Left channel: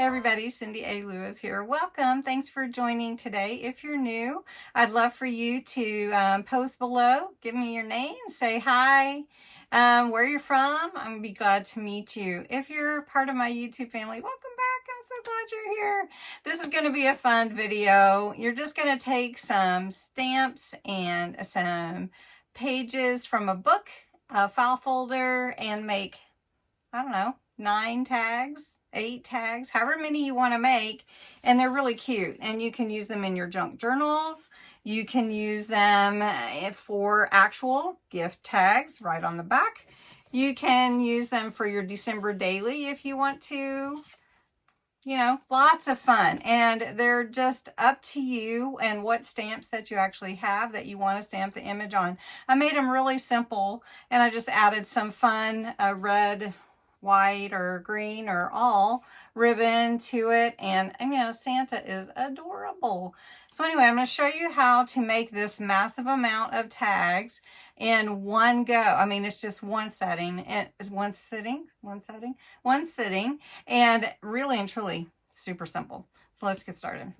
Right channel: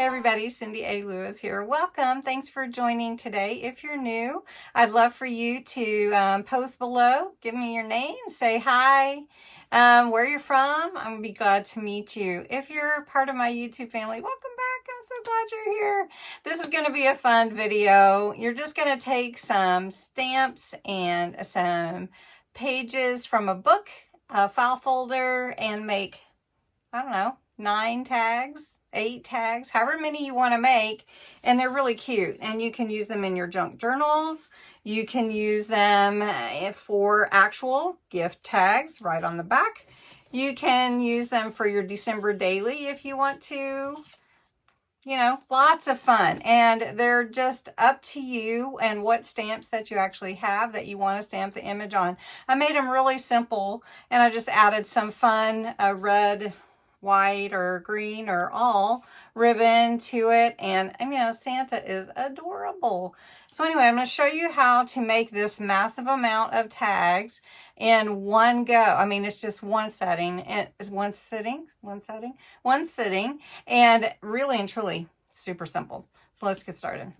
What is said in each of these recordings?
Hey everybody, Cindy A. Lewis here. Welcome. Thanks for joining today. If you're new, I'd love for you to post below. Give me your name. Say hi. Where you're from. I'm going to be glad to meet you. If you're part of my YouTube family, welcome back. I'm so glad you're here. This is going to be a fun video. You're just going to take some stamps and some pages from a book, a file folder, and make, I don't know, 9 tags. 8 tags, however many you want to make, and they're really cute, and you can use them in your junk journals. You can use them for actual gift tags right on the back. You can use them for your December daily if you want to. You know, lots of fun, and they're just up to you and what stamps that you actually have that you want to stamp the image on. I made them really simple, and I just added some fun red, white, or green, or all ribbon to it. And you know, Santa is adorable. So anyway, I'm going to show you how to make this massive amount of tags in one go. I mean, it's just one setting, and one sitting, and really and truly super simple. So let's get started.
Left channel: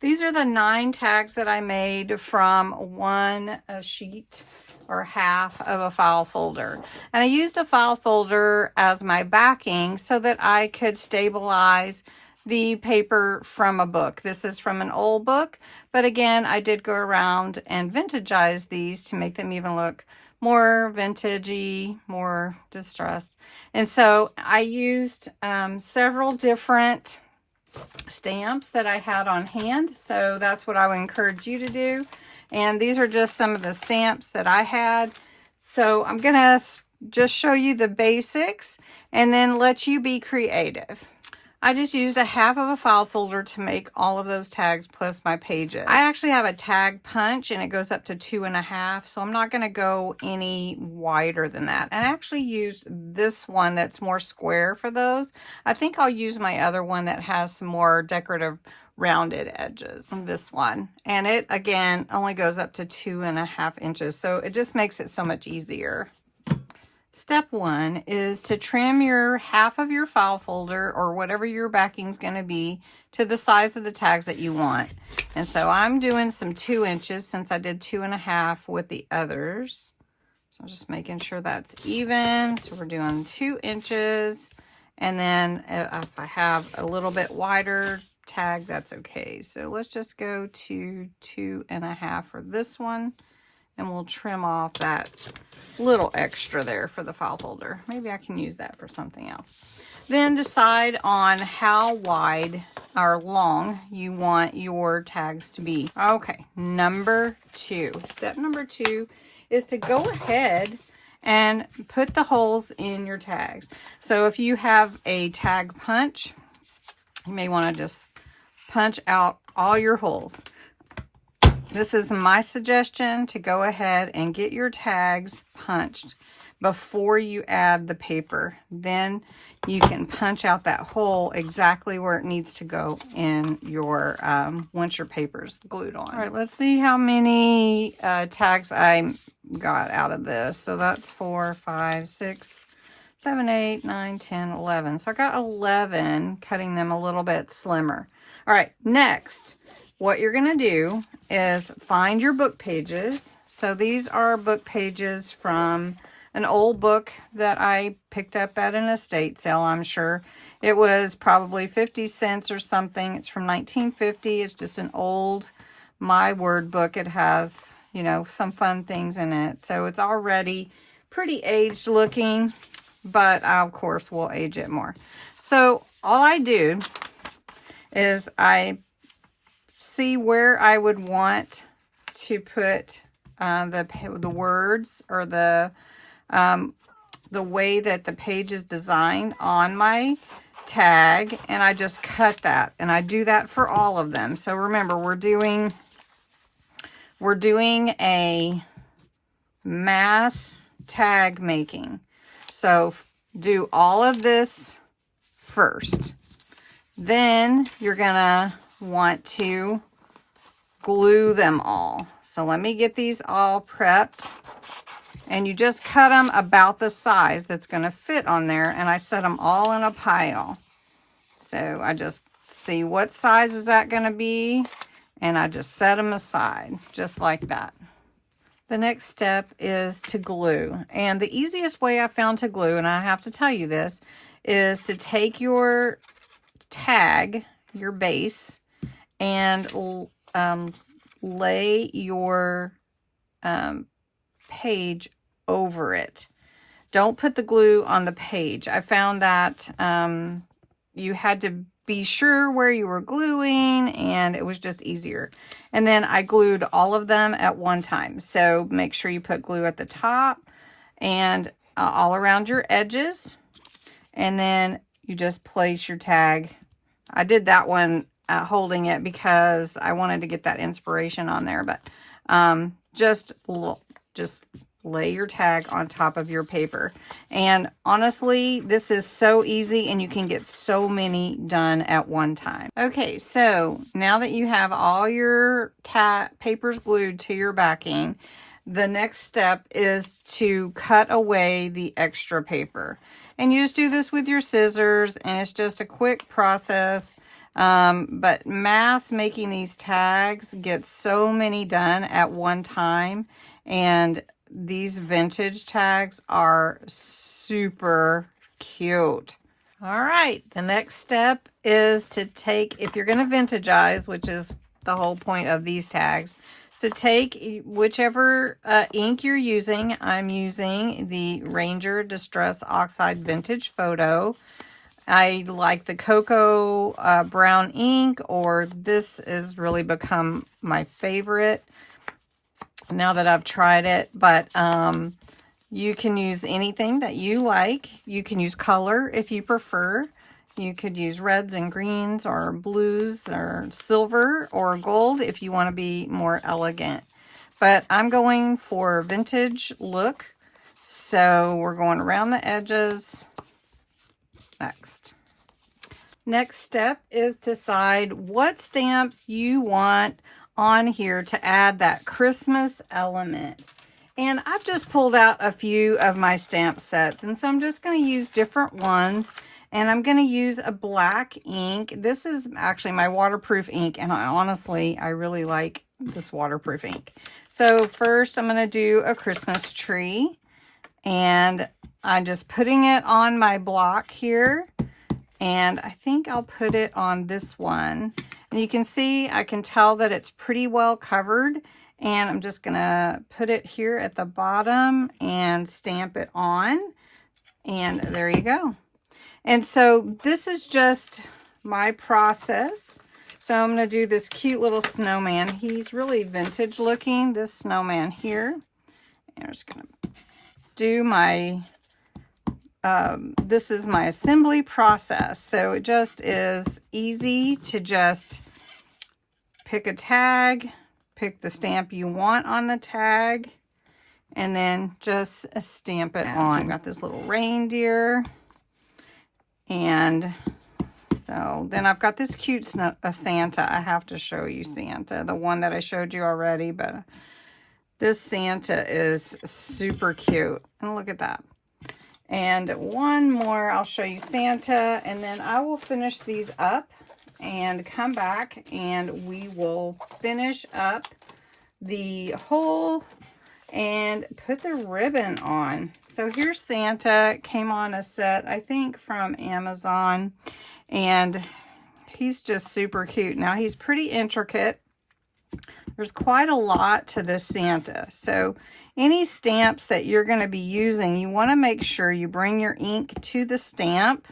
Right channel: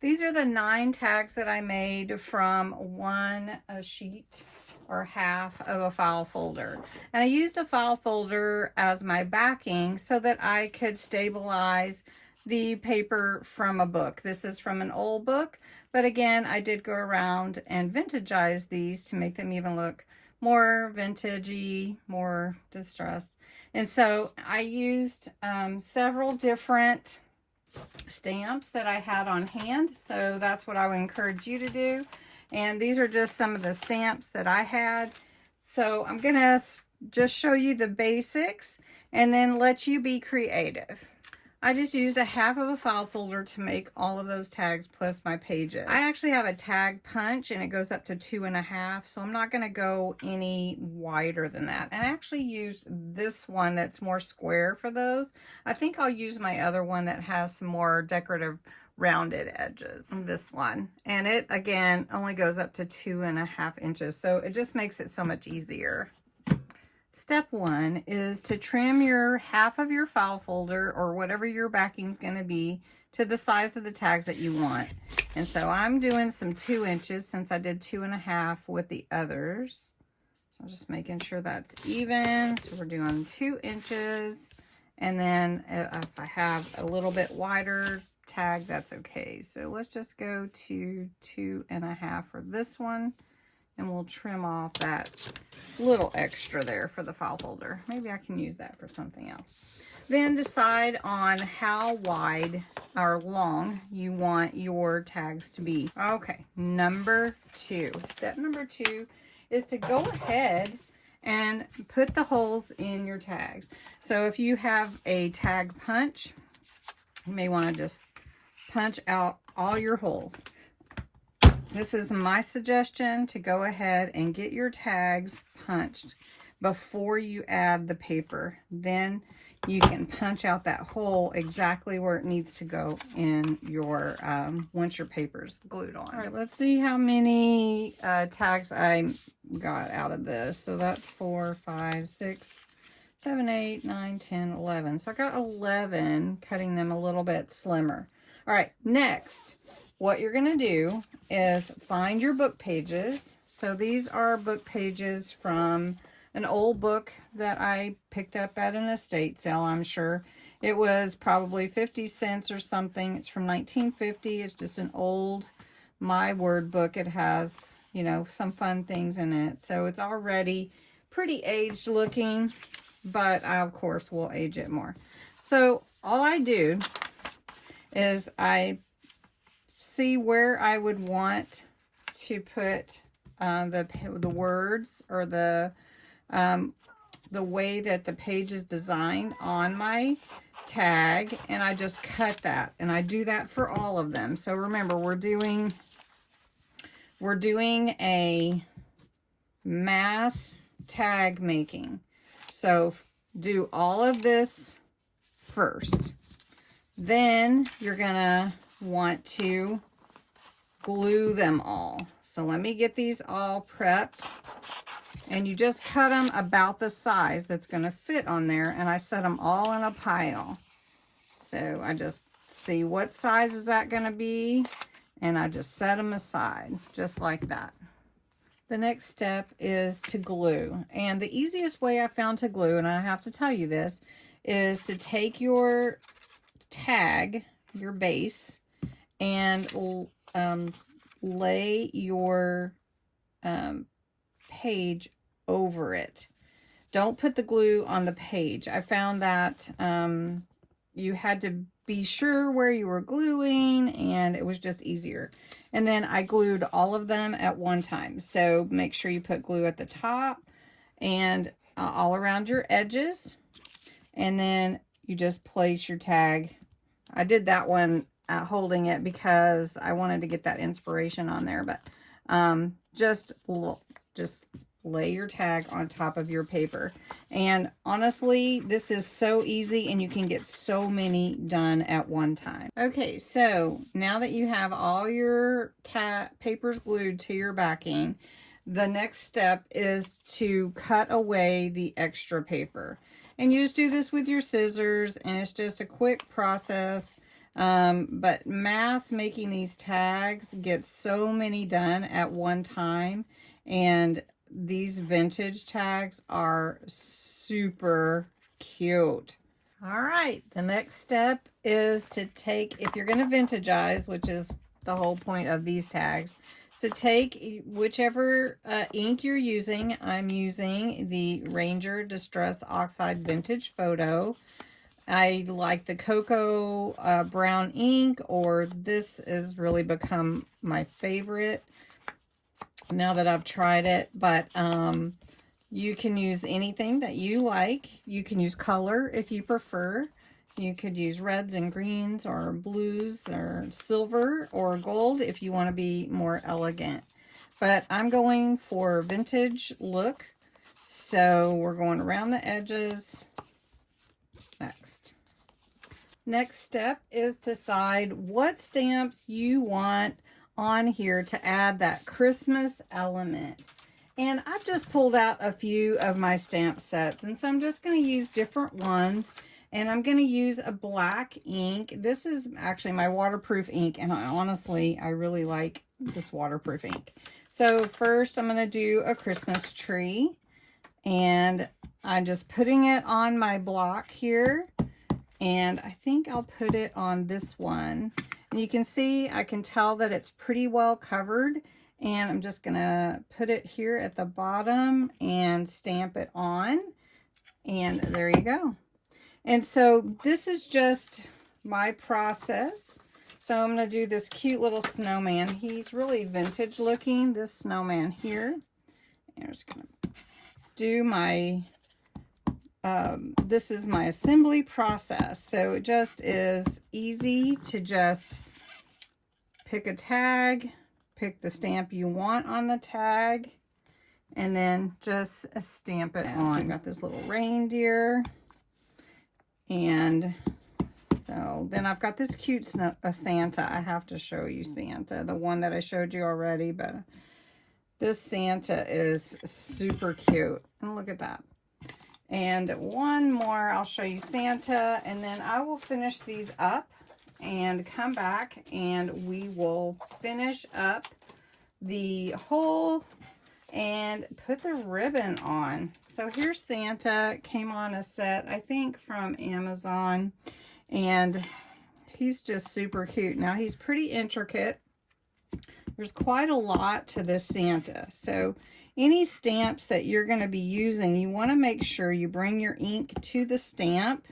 These are the 9 tags that I made from one sheet or half of a file folder. And I used a file folder as my backing so that I could stabilize the paper from a book. This is from an old book, but again, I did go around and vintagize these to make them even look more vintagey, more distressed. And so I used several different stamps that I had on hand, so that's what I would encourage you to do. And these are just some of the stamps that I had. So I'm gonna just show you the basics and then let you be creative. I just used a half of a file folder to make all of those tags plus my pages. I actually have a tag punch and it goes up to 2.5, so I'm not going to go any wider than that. And I actually used this one that's more square for those. I think I'll use my other one that has some more decorative rounded edges on this one. And it, again, only goes up to 2.5 inches, so it just makes it so much easier. Step 1 is to trim your half of your file folder or whatever your backing is going to be to the size of the tags that you want. And so I'm doing some 2 inches since I did 2.5 with the others. So I'm just making sure that's even. So we're doing 2 inches. And then if I have a little bit wider tag, that's okay. So let's just go to 2.5 for this one. And we'll trim off that little extra there for the file folder. Maybe I can use that for something else. Then decide on how wide or long you want your tags to be. Okay, number 2. Step number 2 is to go ahead and put the holes in your tags. So if you have a tag punch, you may want to just punch out all your holes. This is my suggestion to go ahead and get your tags punched before you add the paper. Then you can punch out that hole exactly where it needs to go in your, once your paper's glued on. All right, let's see how many tags I got out of this. So that's 4, 5, 6, 7, 8, 9, 10, 11. So I got 11, cutting them a little bit slimmer. All right, next, what you're going to do is find your book pages. So these are book pages from an old book that I picked up at an estate sale, I'm sure. It was probably 50 cents or something. It's from 1950. It's just an old My Word book. It has, you know, some fun things in it. So it's already pretty aged looking, but of course we'll age it more. So all I do is I see where I would want to put the words or the way that the page is designed on my tag, and I just cut that, and I do that for all of them. So remember, we're doing a mass tag making. So do all of this first. Then you're gonna want to glue them all. So let me get these all prepped, and you just cut them about the size that's going to fit on there, and I set them all in a pile. So I just see what size is that going to be, and I just set them aside just like that. The next step is to glue. And the easiest way I found to glue, and I have to tell you this, is to take your tag, your base, and lay your page over it. Don't put the glue on the page. I found that you had to be sure where you were gluing, and it was just easier. And then I glued all of them at one time. So make sure you put glue at the top and all around your edges. And then you just place your tag. I did that one holding it because I wanted to get that inspiration on there. But just lay your tag on top of your paper. And honestly, this is so easy, and you can get so many done at one time. Okay, so now that you have all your papers glued to your backing, the next step is to cut away the extra paper. And you just do this with your scissors, and it's just a quick process. But mass making these tags gets so many done at one time, and these vintage tags are super cute. All right, the next step is to take, if you're going to vintagize, which is the whole point of these tags, is to take whichever ink you're using. I'm using the Ranger Distress Oxide Vintage Photo. I like the cocoa brown ink, or this has really become my favorite now that I've tried it. But you can use anything that you like. You can use color if you prefer. You could use reds and greens or blues or silver or gold if you want to be more elegant. But I'm going for vintage look. So we're going around the edges. Next step is decide what stamps you want on here to add that Christmas element. And I've just pulled out a few of my stamp sets, and so I'm just going to use different ones, and I'm going to use a black ink. This is actually my waterproof ink, and I really like this waterproof ink. So first I'm going to do a Christmas tree, and I'm just putting it on my block here, and I think I'll put it on this one. And you can see, I can tell that it's pretty well covered, and I'm just going to put it here at the bottom and stamp it on, and there you go. And so this is just my process. So I'm going to do this cute little snowman. He's really vintage looking, this snowman here. And I'm just going to do my, this is my assembly process. So it just is easy to just pick a tag, pick the stamp you want on the tag, and then just stamp it on. I've got this little reindeer, and so then I've got this cute Santa. I have to show you Santa, the one that I showed you already, but this Santa is super cute. And look at that. And one more, I'll show you Santa, and then I will finish these up and come back, and we will finish up the whole and put the ribbon on. So here's Santa. Came on a set, I think, from Amazon, and he's just super cute. Now he's pretty intricate. There's quite a lot to this Santa. So any stamps that you're going to be using, you want to make sure you bring your ink to the stamp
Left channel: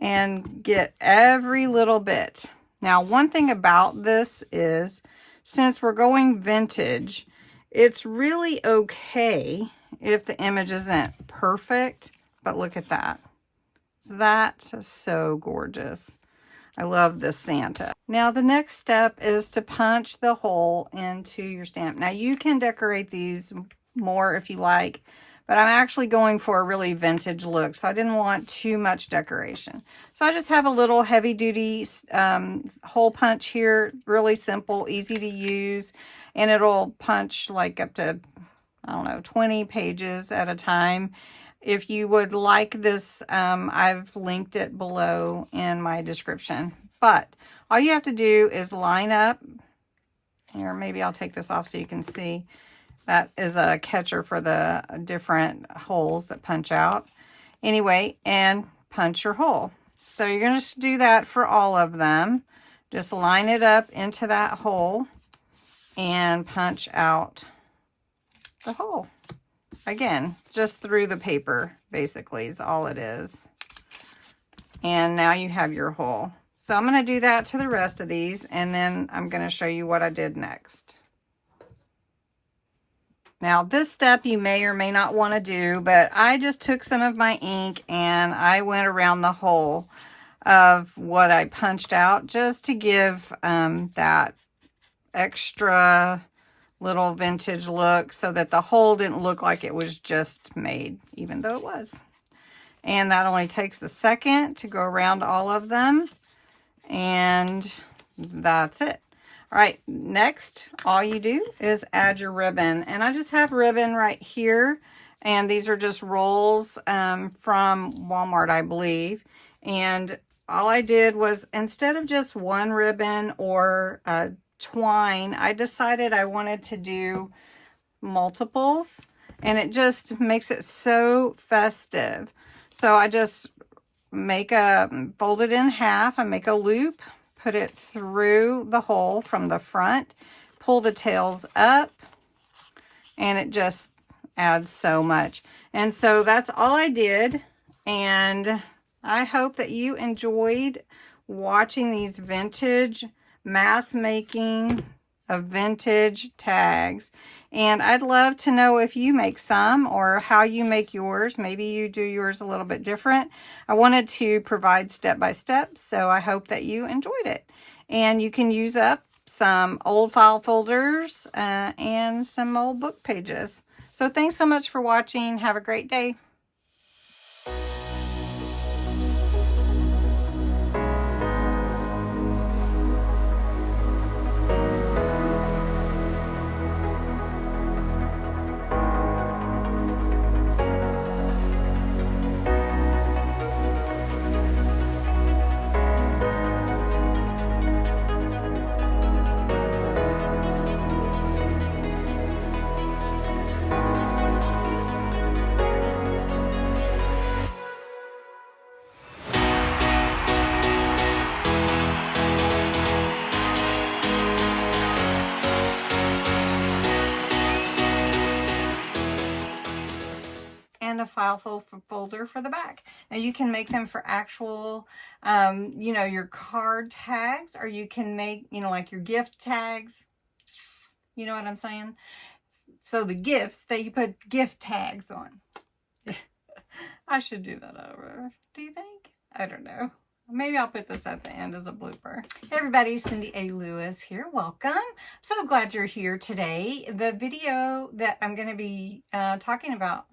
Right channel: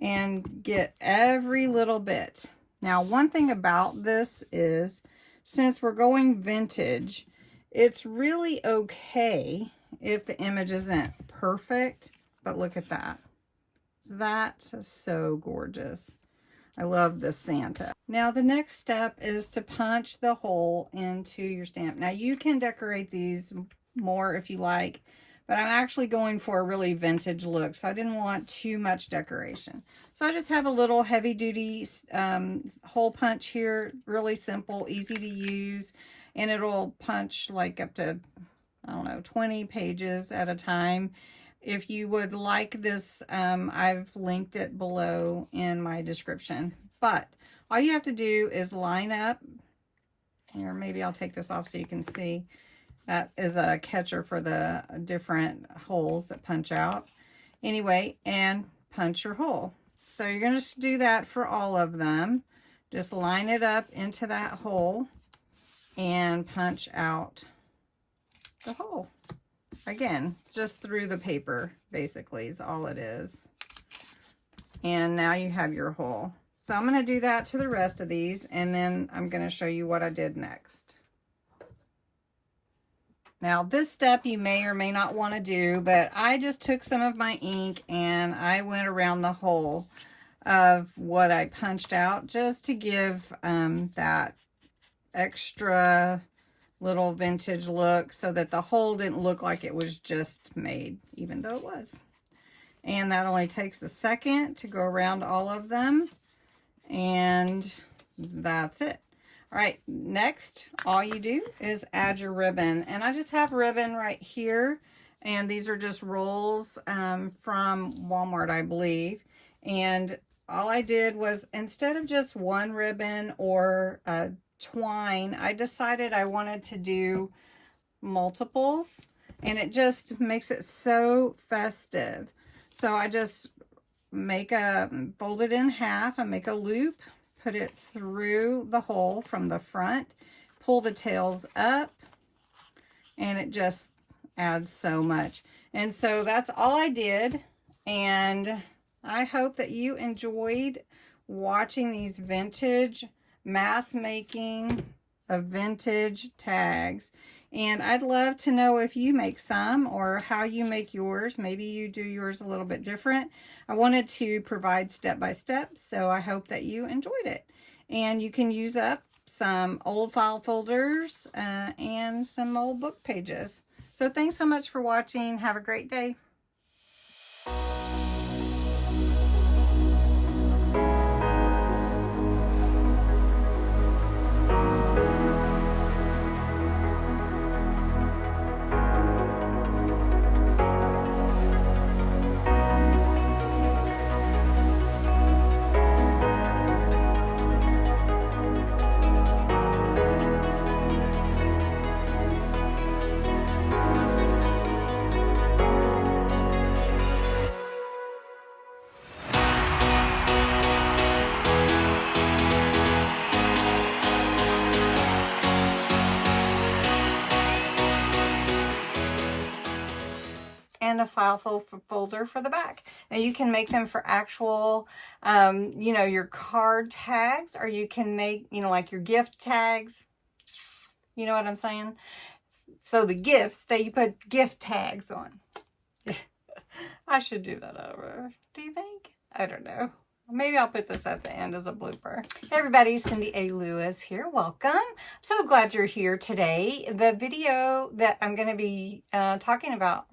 and get every little bit. Now, one thing about this is, since we're going vintage, it's really okay if the image isn't perfect, but look at that. That's so gorgeous. I love this Santa. Now, the next step is to punch the hole into your stamp. Now, you can decorate these more if you like, but I'm actually going for a really vintage look, so I didn't want too much decoration. So I just have a little heavy-duty hole punch here, really simple, easy to use, and it'll punch like up to, I don't know, 20 pages at a time. if you would like this, I've linked it below in my description. But all you have to do is line up. Here, maybe I'll take this off so you can see. That is a catcher for the different holes that punch out. Anyway, and punch your hole. So you're going to do that for all of them. Just line it up into that hole and punch out the hole. Again, just through the paper, basically, is all it is. And now you have your hole. So I'm going to do that to the rest of these, and then I'm going to show you what I did next. Now, this step you may or may not want to do, but I just took some of my ink and I went around the hole of what I punched out just to give that extra little vintage look, so that the hole didn't look like it was just made, even though it was. And that only takes a second to go around all of them, and that's it. All right, next, all you do is add your ribbon. And I just have ribbon right here. And these are just rolls from Walmart, I believe. And all I did was, instead of just one ribbon or twine, I decided I wanted to do multiples. And it just makes it so festive. So I just fold it in half. I make a loop. Put it through the hole from the front, pull the tails up, and it just adds so much. And so that's all I did, and I hope that you enjoyed watching these vintage mass making of vintage tags. And I'd love to know if you make some or how you make yours. Maybe you do yours a little bit different. I wanted to provide step by step, so I hope that you enjoyed it. And you can use up some old file folders and some old book pages. So thanks so much for watching. Have a great day. And a file folder for the back. Now you can make them for actual, you know, your card tags, or you can make, you know, like your gift tags. You know what I'm saying? So the gifts that you put gift tags on. I should do that over. Do you think? I don't know. Maybe I'll put this at the end as a blooper. Hey everybody, Cindy A. Lewis here. Welcome. I'm so glad you're here today. The video that I'm going to be talking about...